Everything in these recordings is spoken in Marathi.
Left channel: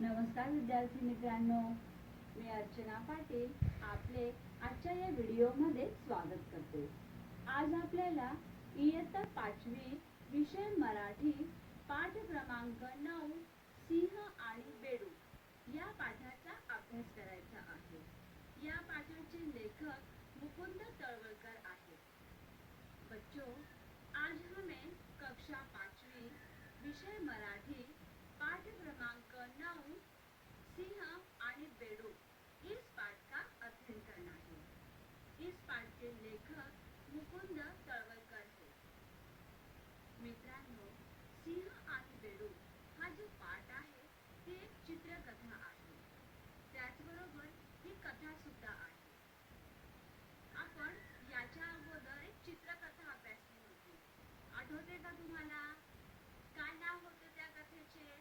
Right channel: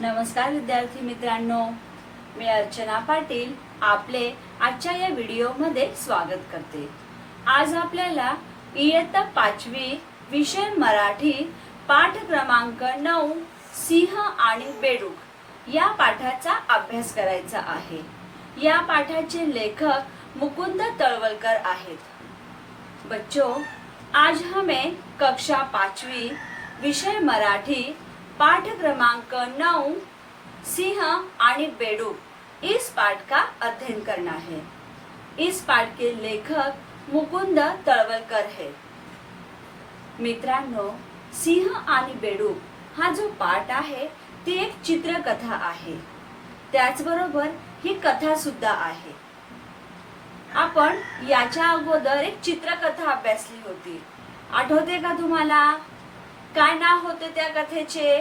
नमस्कार विद्यार्थी मित्रांनो, मी अर्चना पाटील आपले आजच्या या व्हिडिओमध्ये स्वागत करते। आज आपल्याला इयत्ता 5वी विषय मराठी पाठ क्रमांक 9 सिंह आणि बेडूक या पाठाचा अभ्यास करायचा आहे। या पाठाचे लेखक मुकुंद तळवलकर आहेत। बच्चों, आज हमें कक्षा 5वी विषय मराठी पाठ क्रमांक 9 सिंह आणि बेडूक इस पाठ का अध्ययन करना है। इस पाठ के लेखक मुकुंद तळवलकर है। मित्रांनो, सिंह आणि बेडूक हा जो पाठ आहे ती एक चित्रकथा आहे। त्याचबरोबर ही कथा सुद्धा आहे। आपण याच्या अगोदर एक चित्रकथा अभ्यासली होती, आठवते का तुम्हाला? काय नाव होते त्या कथेचे?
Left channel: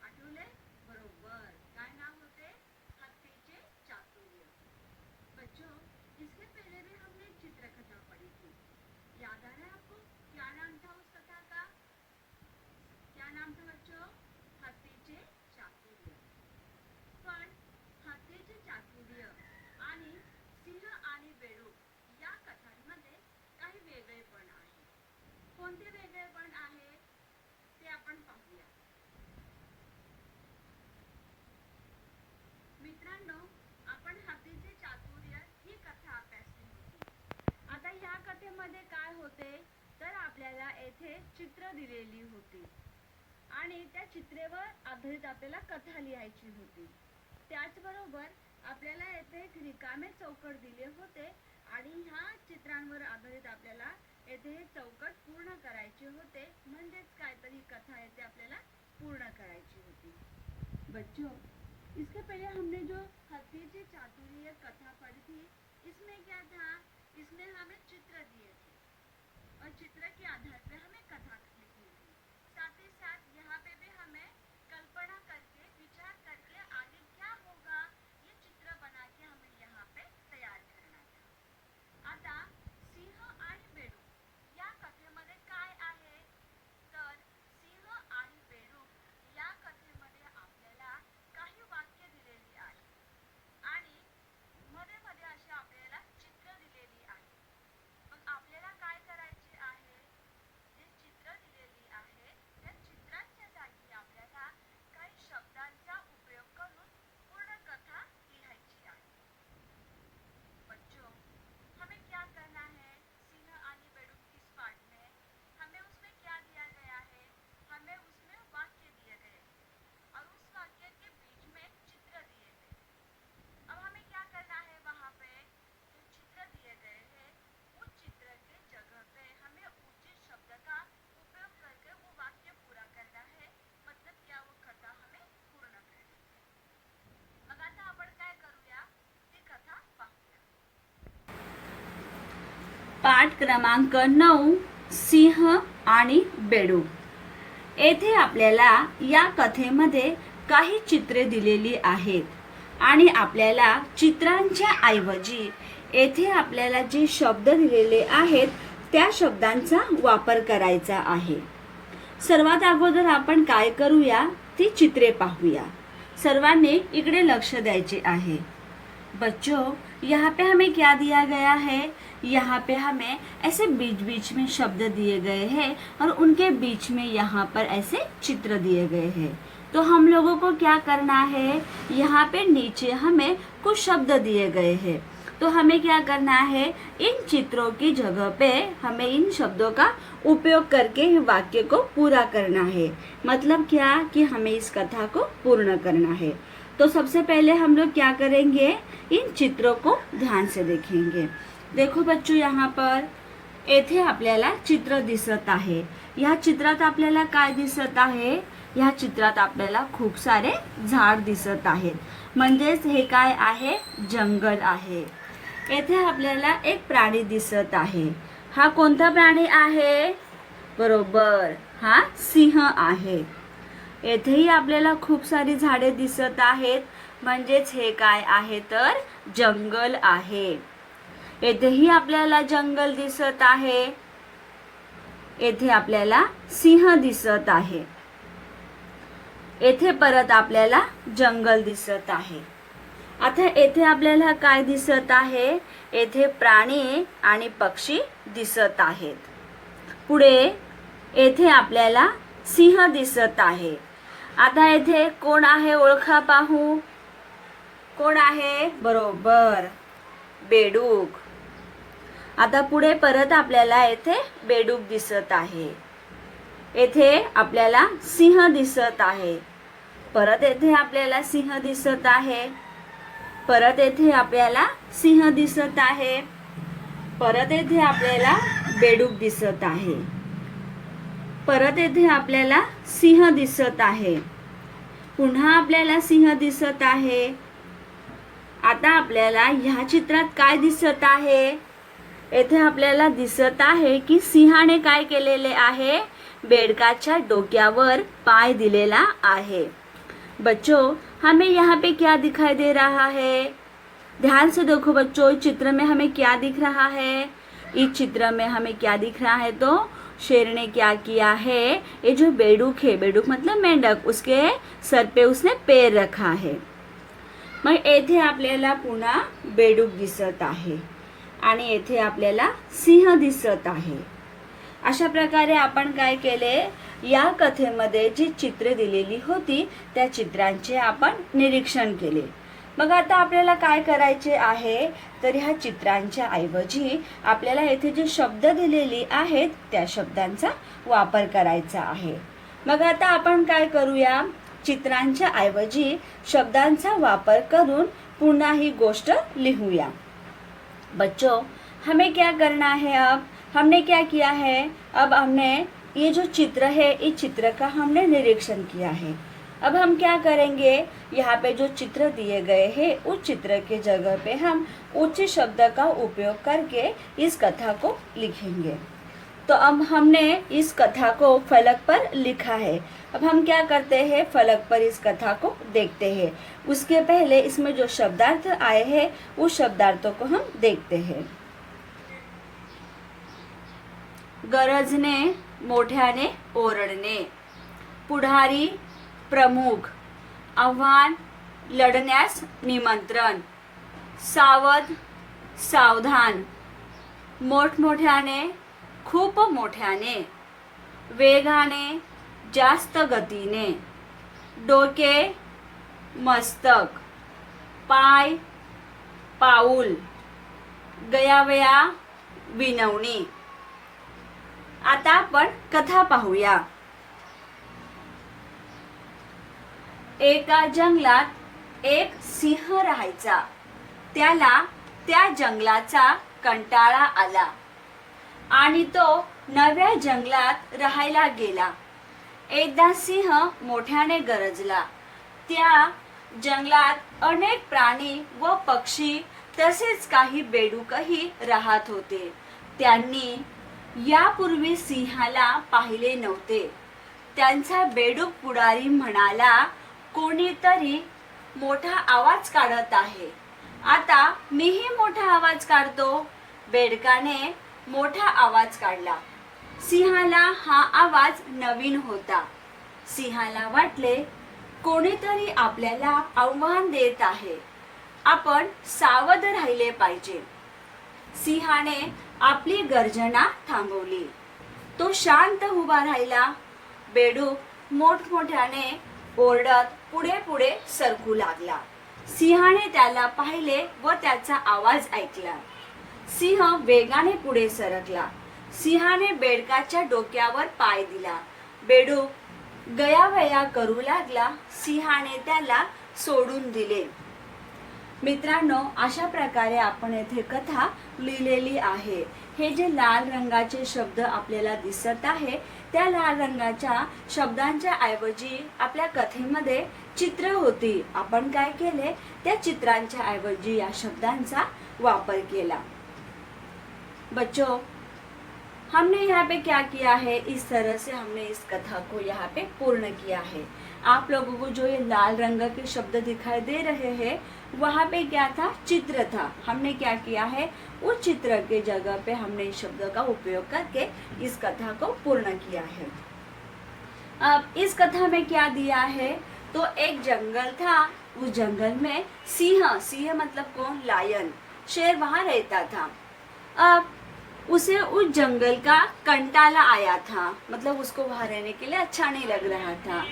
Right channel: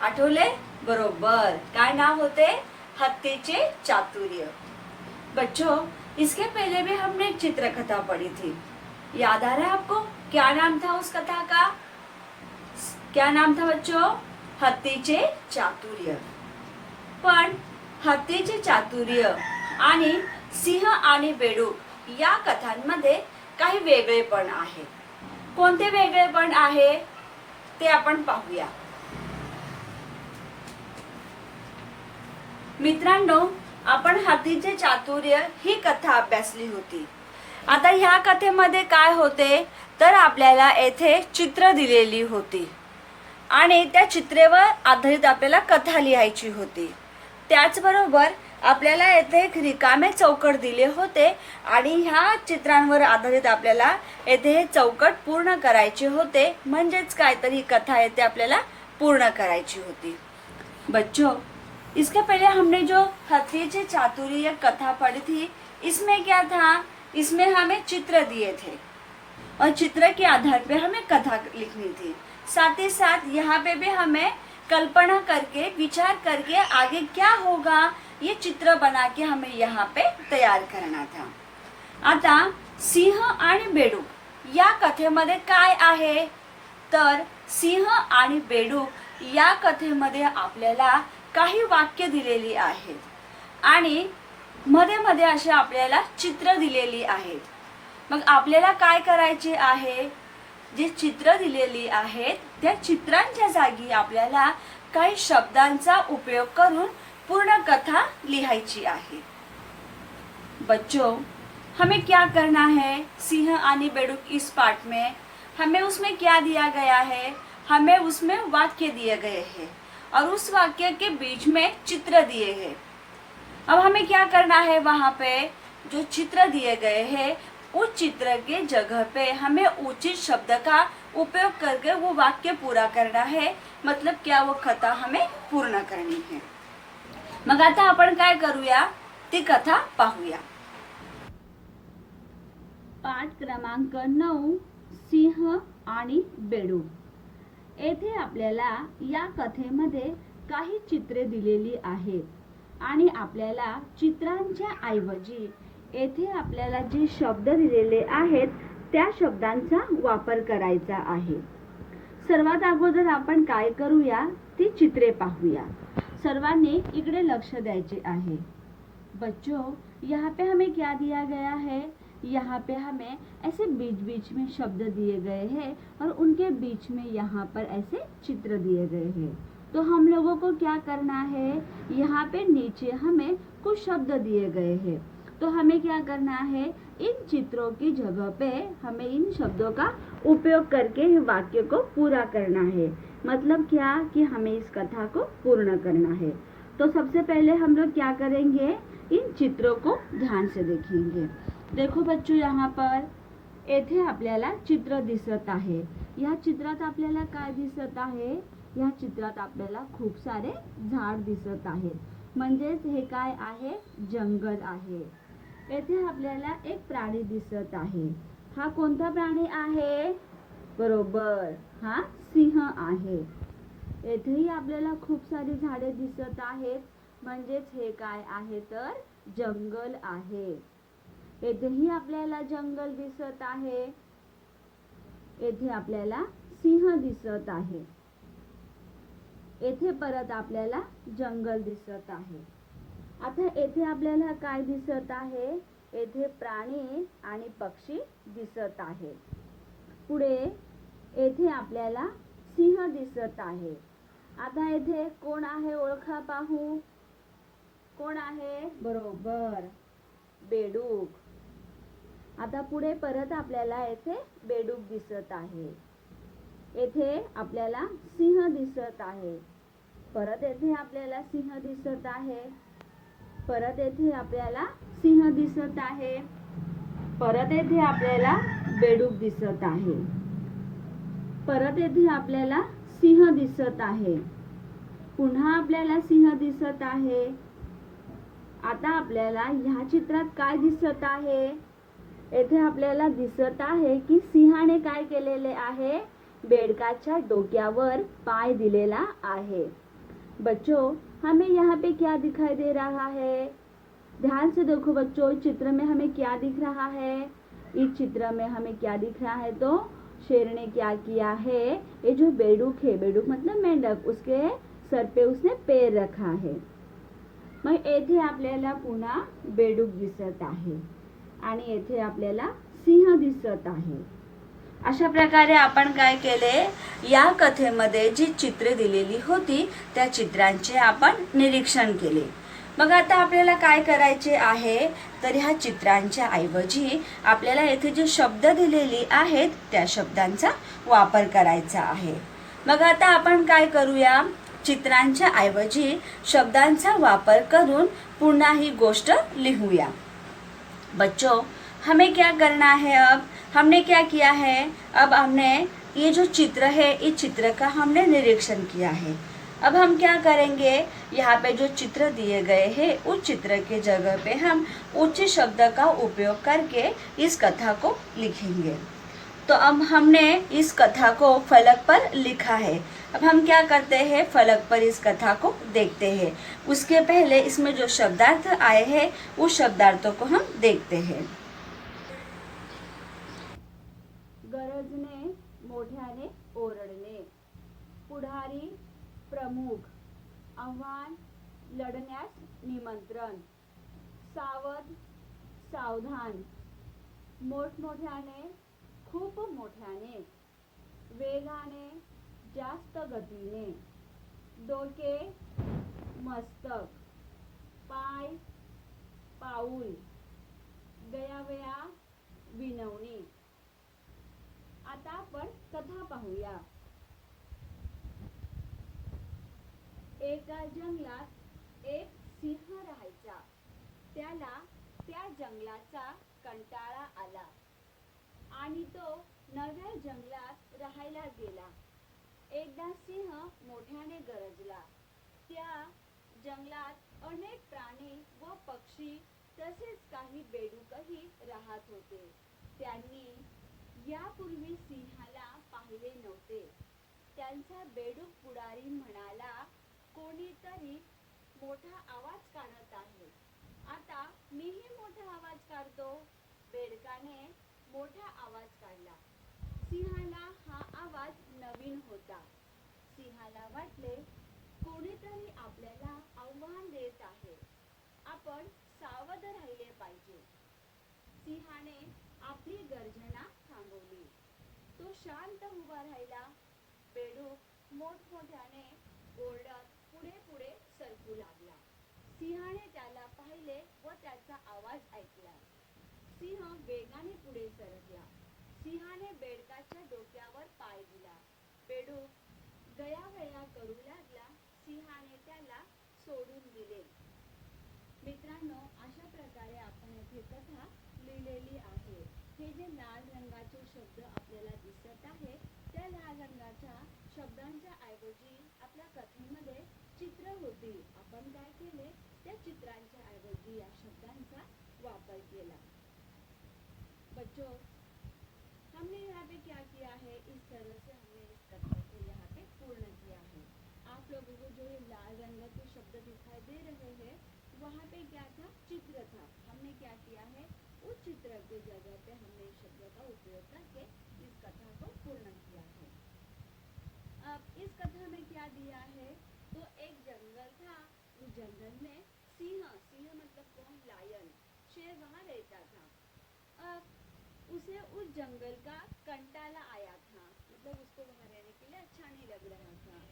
आठवले? बरोबर, काय नाव होते? हत्तीचे चातुर्य। बच्चों, इसके पहले भी हमने एक चित्रकथा पढ़ी थी, याद आ रहा है आपको? क्या नाम था उस कथा का? क्या नाम था बच्चों? हत्तीचे चातुर्य। पण हत्तीचे चातुर्य आणि सिंह आणि बेडूक या कथांमध्ये काही वेगळेपण आहे। कोणते वेगळेपण आहे ते आपण पाहूया। मित्रांनो, आपण हत्तीचे चातुर्य ही कथा अभ्यासली होती। आता ह्या कथेमध्ये काय होते तर आपल्याला येथे चित्र दिलेली होती आणि त्या चित्रेवर आधारित आपल्याला कथा लिहायची होती। त्याचबरोबर आपल्याला येथे एक रिकामे चौकट दिले होते आणि ह्या चित्रांवर आधारित आपल्याला येथे हे चौकट पूर्ण करायचे होते, म्हणजेच काहीतरी कथा येथे आपल्याला पूर्ण करायची होती। बच्चों, इसके पहले हमने जो हत्तीचे चातुर्य कथा पढ़ी थी, इसमें क्या था? इसमें हमें चित्र दिए थे और चित्र के आधार पे हमें कथा लिखनी थी। साथ ही साथ यहाँ पे भी हमें कल्पना करके, विचार करके आगे क्या होगा ये चित्र बना के हमें यहाँ पे तैयार करना था। आता सिंह आणि बेडूक या कथेमध्ये काय आहे तर सिंह आणि बेडूक या कथेमध्ये आपल्याला काही वाक्य दिलेली आहेत आणि मध्ये मध्ये असे आपल्याला चित्र दिलेली आहेत। मग आपल्याला काय करायचे आहे? जे चित्र दिलेली आहेत त्या चित्रांच्या जागी आपल्याला काही शब्दांचा उपयोग करून पूर्ण कथा लिहायची आहे। बच्चों, हमें क्या करना है? सिंह आणि बेडूक इस पाठ में हमें उसमें क्या दिया गया है? हमें उसमें वाक्य दिए गए हैं और उस वाक्य के बीच में चित्र दिए हैं। अब हमें क्या करना है? वहाँ पे जो चित्र दिए गए हैं उस चित्र के जगह पे हमें उचित शब्द का उपयोग करके वो वाक्य पूरा करना है। मतलब क्या, वो कथा हमें पूर्ण करनी है। मग आता आपण काय करूया ती कथा पाहूया। पाठ क्रमांक 9 सिंह आणि बेडूक। येथे आपल्याला या कथेमध्ये काही चित्रे दिलेली आहेत आणि आपल्याला चित्रांच्या ऐवजी येथे आपल्याला जे शब्द दिलेले आहेत त्या शब्दांचा वापर करायचा आहे। सर्वात अगोदर आपण काय करूया ती चित्रे पाहूया। सर्वांनी इकडे लक्ष द्यायचे आहे। बच्चों, यहाँ पे हमें क्या दिया गया है? यहाँ पे हमें ऐसे बीच बीच में शब्द दिए गए हैं और उनके बीच में यहाँ पर ऐसे चित्र दिए गए हैं। तो हम लोगों को क्या करना है? यहाँ पे नीचे हमें कुछ शब्द दिए गए हैं, तो हमें क्या करना है? इन चित्रों की जगह पे हमें इन शब्दों का उपयोग करके वाक्य को पूरा करना है। मतलब क्या कि हमें इस कथा को पूर्ण करना है। तो सबसे पहले हम लोग क्या करेंगे? इन चित्रों को ध्यान से देखेंगे। देखो बच्चों, यहाँ पर येथे आपल्याला चित्र दिसत आहे। या चित्रात आपल्याला काय दिसत आहे? या चित्रात आपल्याला खूप सारे झाड दिसत आहेत, म्हणजेच हे काय आहे? जंगल आहे। येथे आपल्याला एक प्राणी दिसत आहे। हा कोणता प्राणी आहे? बरोबर, हा सिंह आहे। येथेही आपल्याला खूप सारी झाडे दिसत आहेत, म्हणजेच हे काय आहे तर जंगल आहे। येथेही आपल्याला जंगल दिसत आहे। येथे आपल्याला सिंह दिसत आहे। येथे परत आपल्याला जंगल दिसत आहे. आता येथे आपल्याला काय दिसत आहे? येथे प्राणी आणि पक्षी दिसत आहेत. पुढे येथे आपल्याला सिंह दिसत आहे. आता येथे कोण आहे ओळखा पाहू. कोण आहे? बरोबर, बेडूक. आता पुढे परत आपल्याला येथे बेडूक दिसत आहे. येथे आपल्याला सिंह दिसत आहे. परत येथे आपल्याला सिंह दिसत आहे. परत येथे आपल्याला सिंह दिसत आहे. परत येथे आपल्याला बेडूक दिसत आहे. परत येथे आपल्याला सिंह दिसत आहे. पुन्हा आपल्याला सिंह दिसत आहे. आता आपल्याला ह्या चित्रात काय दिसत आहे? येथे आपल्याला दिसत आहे की सिंहाने काय केलेले आहे? बेडकाच्या डोक्यावर पाय दिलेला आहे. बच्चों, हमें यहाँ पे क्या दिखाई दे रहा है? ध्यान से देखो बच्चों, इस चित्र में हमें क्या दिख रहा है? इस चित्र में हमें क्या दिख रहा है? तो शेर ने क्या किया है? ये जो बेडूक है, बेडूक मतलब मेंढक, उसके सर पे उसने पैर रखा है. मग येथे आपल्याला पुन्हा बेडूक दिसत आहे आणि येथे आपल्याला सिंह दिसत आहे. अशा प्रकारे आपण काय केले? या कथेमध्ये जी चित्रे दिलेली होती त्या चित्रांचे आपण निरीक्षण केले. मग आता आपल्याला काय करायचे आहे? तर ह्या चित्रांच्या ऐवजी आपल्याला येथे जे शब्द दिलेले आहेत त्या शब्दांचा वापर करायचा आहे. मग आता आपण काय करूया? चित्रांच्या ऐवजी शब्दांचा वापर करून पुन्हा ही गोष्ट लिहूया. बच्चों, हमें क्या करना है? अब हमने क्या किया है? अब हमने ये जो चित्र है इस चित्र का हमने निरीक्षण किया है. अब हम क्या करेंगे? यहाँ पे जो चित्र दिए गए हैं उस चित्र के जगह पे हम उच्च शब्द का उपयोग करके इस कथा को लिखेंगे. तो अब हमने इस कथा को फलक पर लिखा है. अब हम क्या करते हैं? फलक पर इस कथा को देखते हैं. उसके पहले इसमें जो शब्दार्थ आए हैं उस शब्दार्थों को हम देखते हैं. गरजने, मोठ्याने ओरडणे. पुढारी, प्रमुख. आव्हान, लढण्यास निमंत्रण. सावध, सावधान. मोठमोठ्याने, खूप मोठ्याने. वेगाने, जास्त गतीने. डोके, मस्तक. पाय, पाऊल. गयावया, विनवणी. आता आपण कथा पाहूया. एका जंगलात एक सिंह राहायचा. त्याला त्या जंगलाचा कंटाळा आला आणि तो नव्या जंगलात राहायला गेला. एकदा सिंह मोठ्याने गरजला. त्या जंगलात अनेक प्राणी व पक्षी तसेच काही बेडूकही राहत होते. त्यांनी यापूर्वी सिंहाला पाहिले नव्हते. त्यांचा बेडूक पुढारी म्हणाला, कोणीतरी मोठा आवाज काढत आहे. आता मीही मोठा आवाज काढतो. बेडकाने मोठा आवाज काढला. सिंहाला हा आवाज नवीन होता. सिंहाला वाटले, कोणीतरी आपल्याला आव्हान देत आहे. आपण सावध राहिले पाहिजे. सिंहाने आपली गर्जना थांबवली. तो शांत उभा राहिला. बेडूक मोठमोठ्याने ओरडत पुढे पुढे सरकू लागला. सिंहाने त्याला पाहिले व त्याचा आवाज ऐकला. सिंह वेगाने पुढे सरकला. सिंहाने बेडकाच्या डोक्यावर पाय दिला. बेडूक गयावया करू लागला. सिंहाने त्याला सोडून दिले. मित्रांनो, अशा प्रकारे आपण येथे कथा लिहिलेली आहे. हे जे लाल रंगाचे शब्द आपल्याला दिसत आहे त्या लाल रंगाच्या शब्दांच्या ऐवजी आपल्या कथेमध्ये चित्र होती. आपण काय केले? त्या चित्रांच्या ऐवजी या शब्दांचा वापर केला. बच्चों, हमने यहाँ पे क्या किया है? इस तरह से हमने इस कथा को यहाँ पे पूर्ण किया है. आप लोगों को जो ये लाल रंग के शब्द दिखाई दे रहे हैं वहाँ पे क्या था? चित्र था. हमने क्या किया है? उस चित्र के जगह पे हमने इस शब्द का उपयोग करके इस कथा को पूर्ण किया है. अब इस कथा में क्या दिया है, तो एक जंगल था, उस जंगल में सिंह, सिंह मतलब कौन, लायन, शेर वहां रहता था। अब उसे उस जंगल का कंटाला आया था, मतलब उसको वहां रहने के लिए अच्छा नहीं लग रहा था,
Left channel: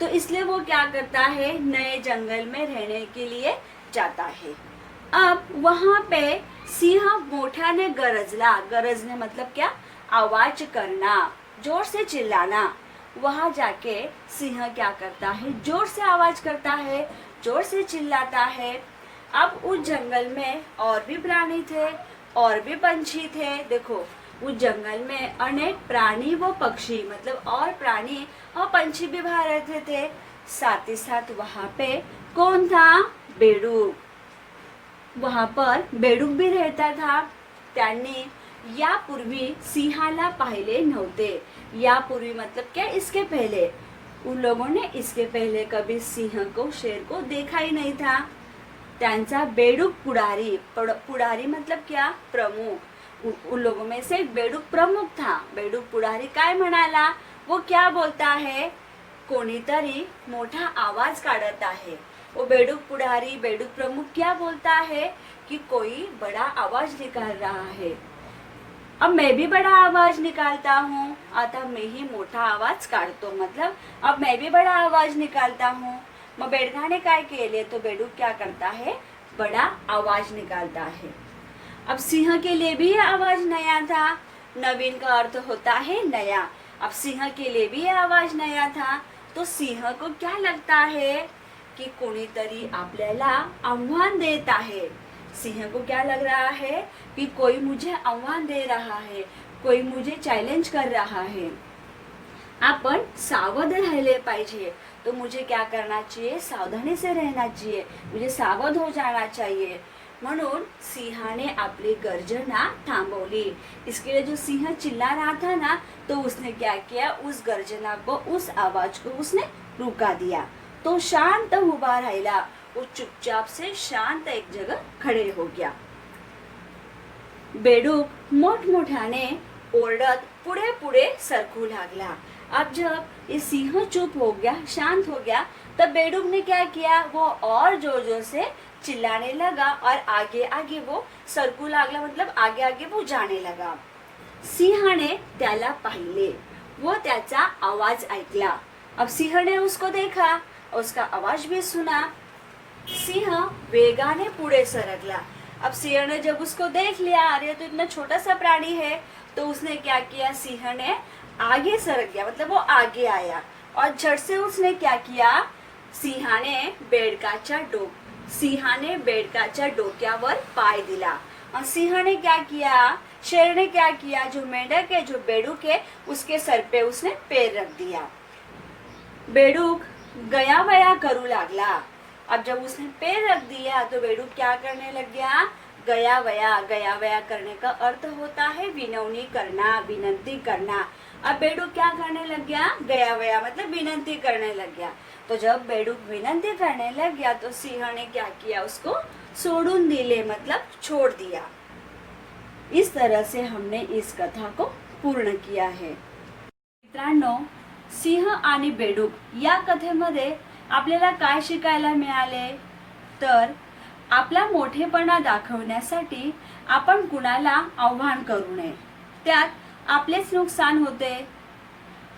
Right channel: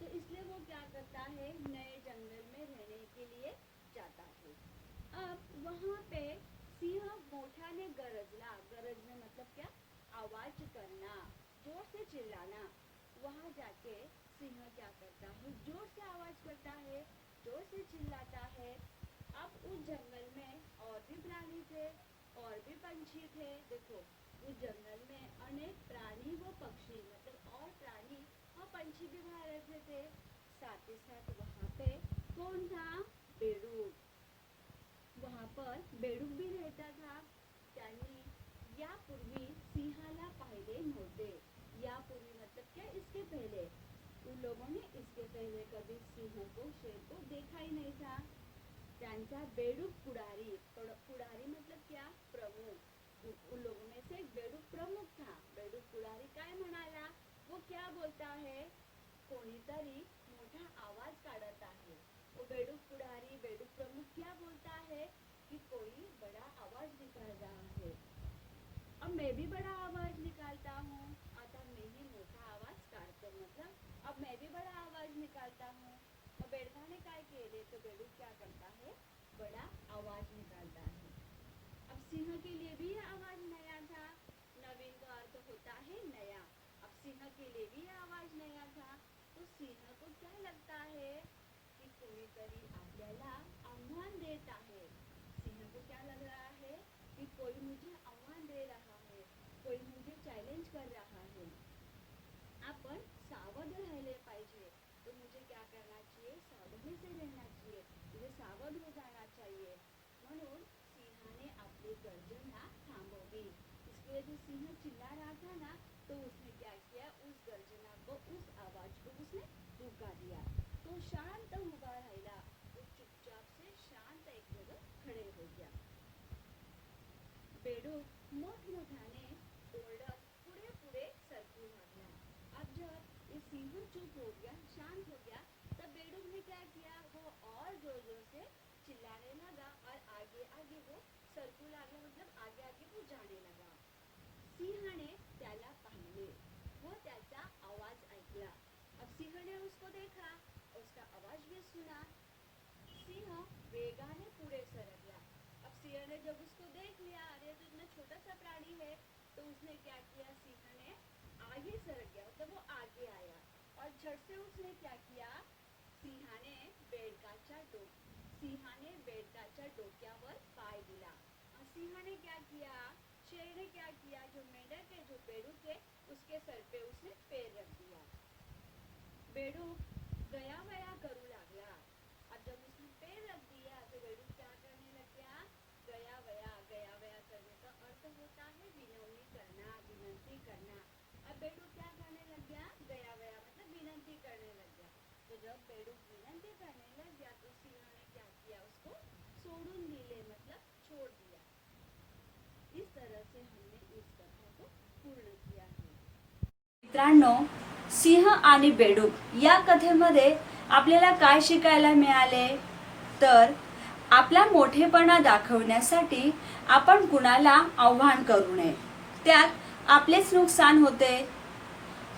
तो इसलिए वो क्या करता है, नए जंगल में रहने के लिए जाता है। अब वहां पे सिंह मोठ्याने गरजला, गरजने मतलब क्या, आवाज करना, जोर से चिल्लाना। वहां जाके सिंह क्या करता है, जोर से आवाज करता है, जोर से चिल्लाता है। अब उस जंगल में और भी प्राणी थे, और भी पंछी थे। देखो उस जंगल में अनेक प्राणी व पक्षी, मतलब और प्राणी और पंछी भी वहां रहते थे। साथ ही साथ वहां पे कौन था, बेडूक, वहां पर बेडूक भी रहता था। त्यांनी यापूर्वी सिंहाला पाहिले नव्हते। यापूर्वी मतलब क्या, इसके पहले, उन लोगों ने इसके पहले कभी सिंह को, शेर को देखा ही नहीं था। त्यांचा बेडूक पुढारी, पुढारी मतलब क्या, प्रमुख, उन लोगों में से बेडूक प्रमुख था। बेडूक पुढारी काय म्हणाला, वो क्या बोलता है, कोणीतरी मोठा आवाज काढत आहे। वो बेडूक पुढारी, बेडूक प्रमुख क्या बोलता है कि कोई बड़ा आवाज निकाल रहा है। अब मैं भी बड़ा आवाज निकालता हूँ, आता मैं ही मोठा आवाज काढतो, मतलब अब मैं भी बड़ा आवाज निकालता हूँ। मग बेडकाने काय केले, तो बेडूक क्या करता है, बड़ा आवाज निकालता है। अब सिंह के लिए भी यह आवाज नया था, नवीन का अर्थ होता है नया। अब सिंह के लिए भी यह आवाज नया था, तो सिंह को क्या लगता है कि कोणीतरी आपल्याला आव्हान देत आहे। सिंह को क्या लग रहा है कि कोई मुझे आव्हान दे रहा है, कोई मुझे चॅलेंज कर रहा है। आपण सावध राहिले पाहिजे, तो मुझे क्या करना चाहिए, सावधानी से रहना चाहिए, मुझे सावध हो जाना चाहिए। म्हणून सिंहाने आपली गर्जना थांबवली। इसके लिए जो सिंह चिल्ला रहा था ना, तो उसने क्या किया, उस गर्जना को, उस आवाज को उसने रुका दिया। तो शांत उभा राहिला, वो चुपचाप से शांत एक जगह खड़े हो गया। बेडूक मोठमोठ्याने ओरडत पुढे पुढे सरकू लागला। अब जब ये सिंह चुप हो गया, शांत हो गया, तब बेडूक ने क्या किया, वो और जोर जोर से चिल्लाने लगा और आगे आगे वो सरकू लागला, मतलब आगे आगे वो जाने लगा। सिंहाने त्याला पाहिले, वो त्याचा आवाज ऐकला। अब सिंह ने उसको देखा, उसका आवाज भी सुना। सिंह वेगाने पुढे सरकला। अब सिंह ने जब उसको देख लिया, अरे तो इतना छोटा सा प्राणी है, तो उसने क्या किया, सिंह ने आगे सरक गया, मतलब वो आगे आया और झट से उसने क्या किया, सिंहाने बेडकाच्या डोक्यावर पाय दिला। और सिंह ने क्या किया, शेर ने क्या किया, जो मेंढक है, जो बेडूक है, उसके सर पे उसने पैर रख दिया। बेडूक गया वया करू लागला। अब जब उसने पैर रख दिया तो बेडूक क्या करने लग गया, गया वया करने का अर्थ होता है विनवनी करना, विनंती करना। अब बेडूक क्या करने लग गया वया मतलब विनंती करने लग गया। तो जब बेडूक विनंती करने लग गया तो सिंह ने क्या किया, उसको सोडून दिले, मतलब छोड़ दिया। इस तरह से हमने इस कथा को पूर्ण किया है। मित्रांनो, सिंह आणि बेडूक या कथेमध्ये आपल्याला काय शिकायला मिळाले, तर आपला मोठेपणा दाखवण्यासाठी आपण कुणाला आव्हान करू नये, त्यात आपलेच नुकसान होते।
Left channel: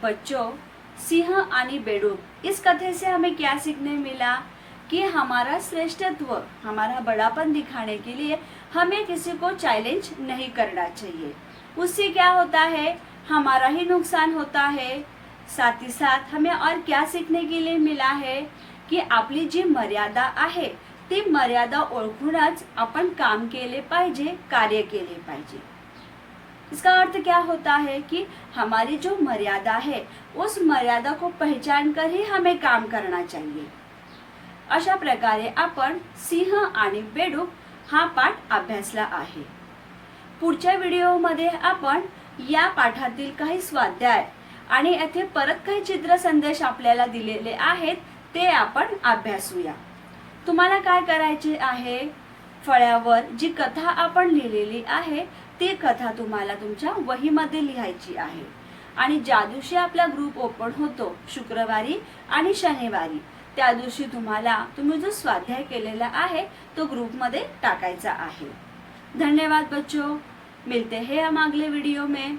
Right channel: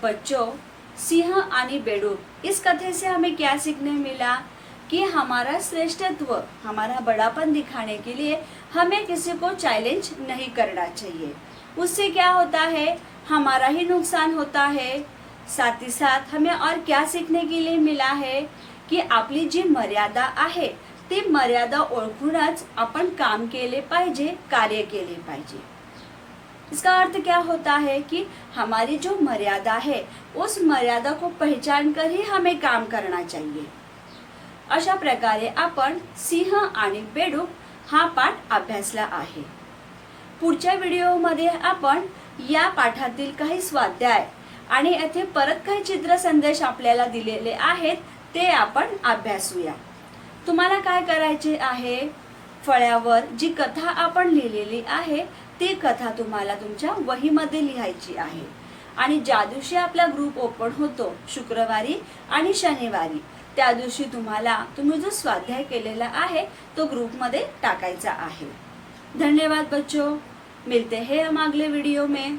बच्चों, सिंह आणि बेडूक इस कथे से हमें क्या सीखने मिला कि हमारा श्रेष्ठत्व, हमारा बड़ापन दिखाने के लिए हमें किसी को चैलेंज नहीं करना चाहिए। उससे क्या होता है, हमारा ही नुकसान होता है। साथ ही साथ हमें और क्या सीखने के लिए मिला है की आपली जी मर्यादा आहे ती मर्यादा ओळखूनच आपण काम केले पाहिजे, कार्य केले पाहिजे। इसका अर्थ क्या होता है कि हमारी जो मर्यादा है उस मर्यादा को पहचान कर ही हमें काम करना चाहिए। अशा प्रकारे आपण सिंह आणि बेडूक हा पाठ अभ्यासला आहे। पुढच्या व्हिडिओमध्ये आपण या पाठातील काही स्वाध्याय आणि येथे परत काही चित्र संदेश आपल्याला दिलेले आहेत ते आपण अभ्यासूया। तुम्हाला काय करायचे आहे, फळ्यावर जी कथा आपण लिहिलेली आहे ती कथा तुम्हाला तुमच्या वहीमध्ये लिहायची आहे आणि ज्या दिवशी आपला ग्रुप ओपन होतो शुक्रवारी आणि शनिवारी, त्या दिवशी तुम्ही जो स्वाध्याय केलेला आहे तो ग्रुपमध्ये टाकायचा आहे। धन्यवाद बच्चों, मिलते हैं हम अगले वीडियो में।